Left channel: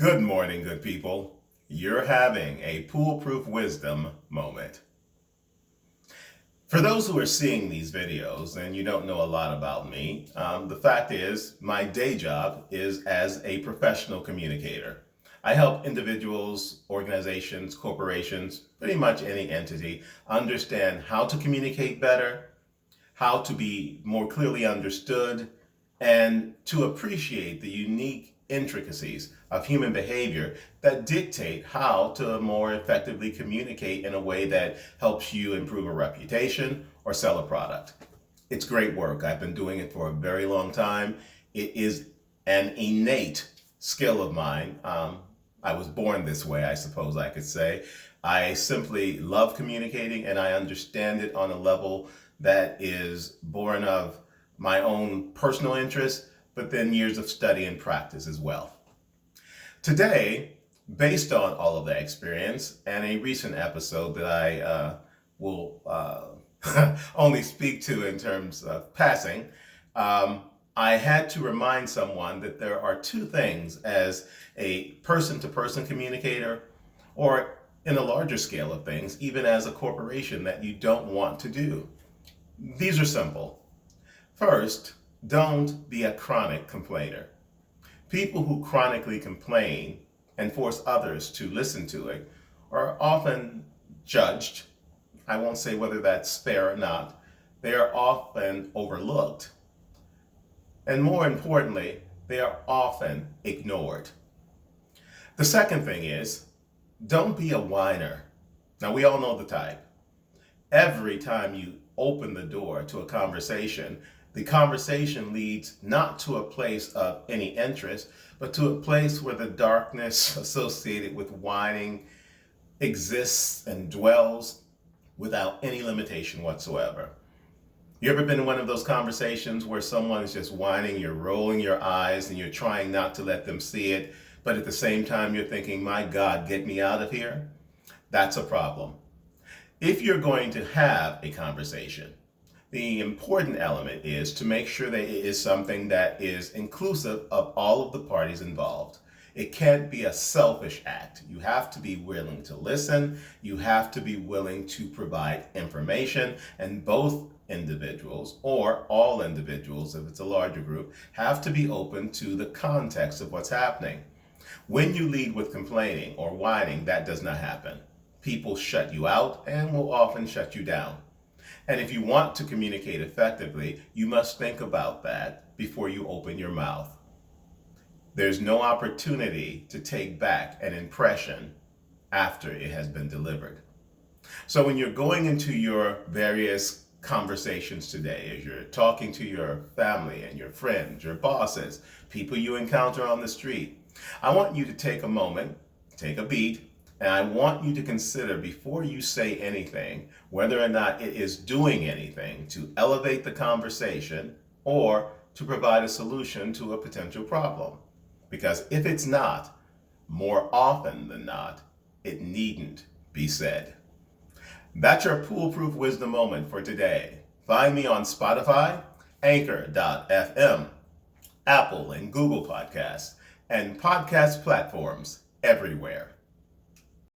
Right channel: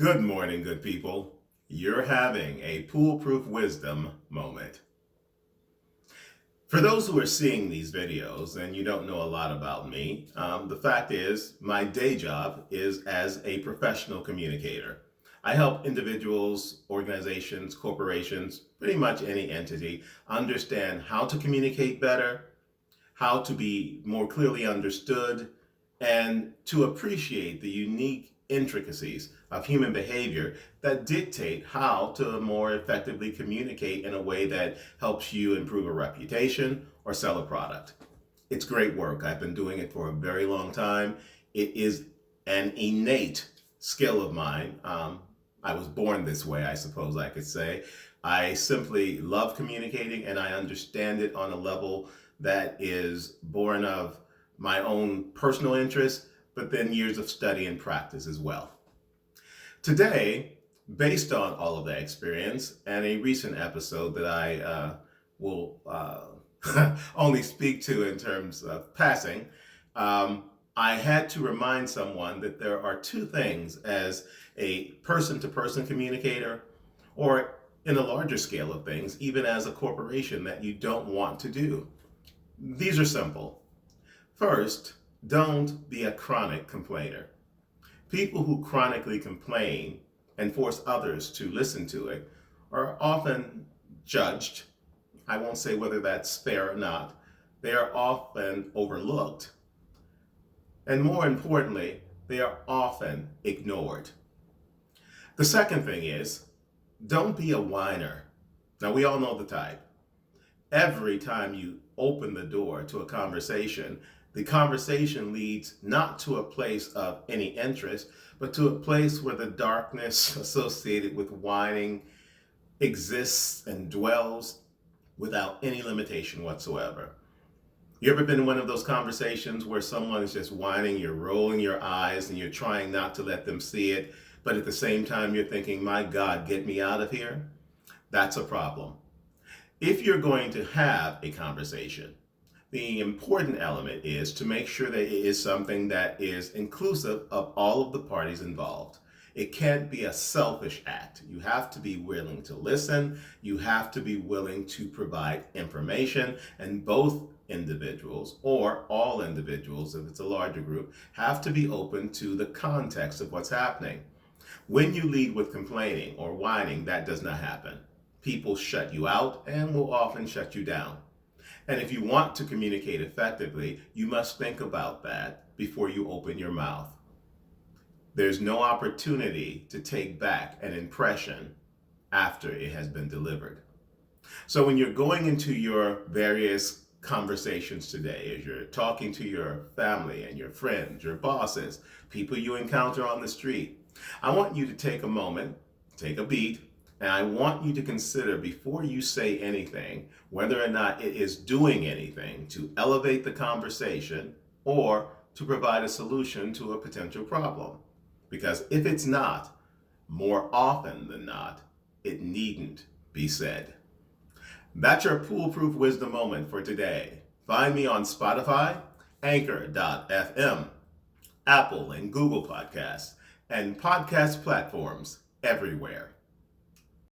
Good morning, good people. You're having a Poolproof Wisdom moment. For those who are seeing these videos and you don't know a lot about me, the fact is my day job is as a professional communicator. I help individuals, organizations, corporations, pretty much any entity understand how to communicate better, how to be more clearly understood, and to appreciate the unique intricacies of human behavior that dictate how to more effectively communicate in a way that helps you improve a reputation or sell a product. It's great work. I've been doing it for a very long time. It is an innate skill of mine. I was born this way, I suppose I could say. I simply love communicating and I understand it on a level that is born of my own personal interest, but then years of study and practice as well. Today, based on all of that experience and a recent episode that I will only speak to in terms of passing, I had to remind someone that there are two things as a person-to-person communicator, or in a larger scale of things, even as a corporation, that you don't want to do. These are simple. First, don't be a chronic complainer. People who chronically complain and force others to listen to it are often judged. I won't say whether that's fair or not. They are often overlooked. And more importantly, they are often ignored. The second thing is, don't be a whiner. Now, we all know the type. Every time you open the door to a conversation, the conversation leads not to a place of any interest, but to a place where the darkness associated with whining exists and dwells without any limitation whatsoever. You ever been in one of those conversations where someone is just whining, you're rolling your eyes and you're trying not to let them see it, but at the same time you're thinking, my God, get me out of here? That's a problem. If you're going to have a conversation, the important element is to make sure that it is something that is inclusive of all of the parties involved. It can't be a selfish act. You have to be willing to listen. You have to be willing to provide information, and both individuals, or all individuals if it's a larger group, have to be open to the context of what's happening. When you lead with complaining or whining, that does not happen. People shut you out and will often shut you down. And if you want to communicate effectively, you must think about that before you open your mouth. There's no opportunity to take back an impression after it has been delivered. So when you're going into your various conversations today, as you're talking to your family and your friends, your bosses, people you encounter on the street, I want you to take a moment, take a beat, and I want you to consider before you say anything whether or not it is doing anything to elevate the conversation or to provide a solution to a potential problem. Because if it's not, more often than not, it needn't be said. That's your Poolproof Wisdom moment for today. Find me on Spotify, Anchor.fm, Apple and Google Podcasts, and podcast platforms everywhere.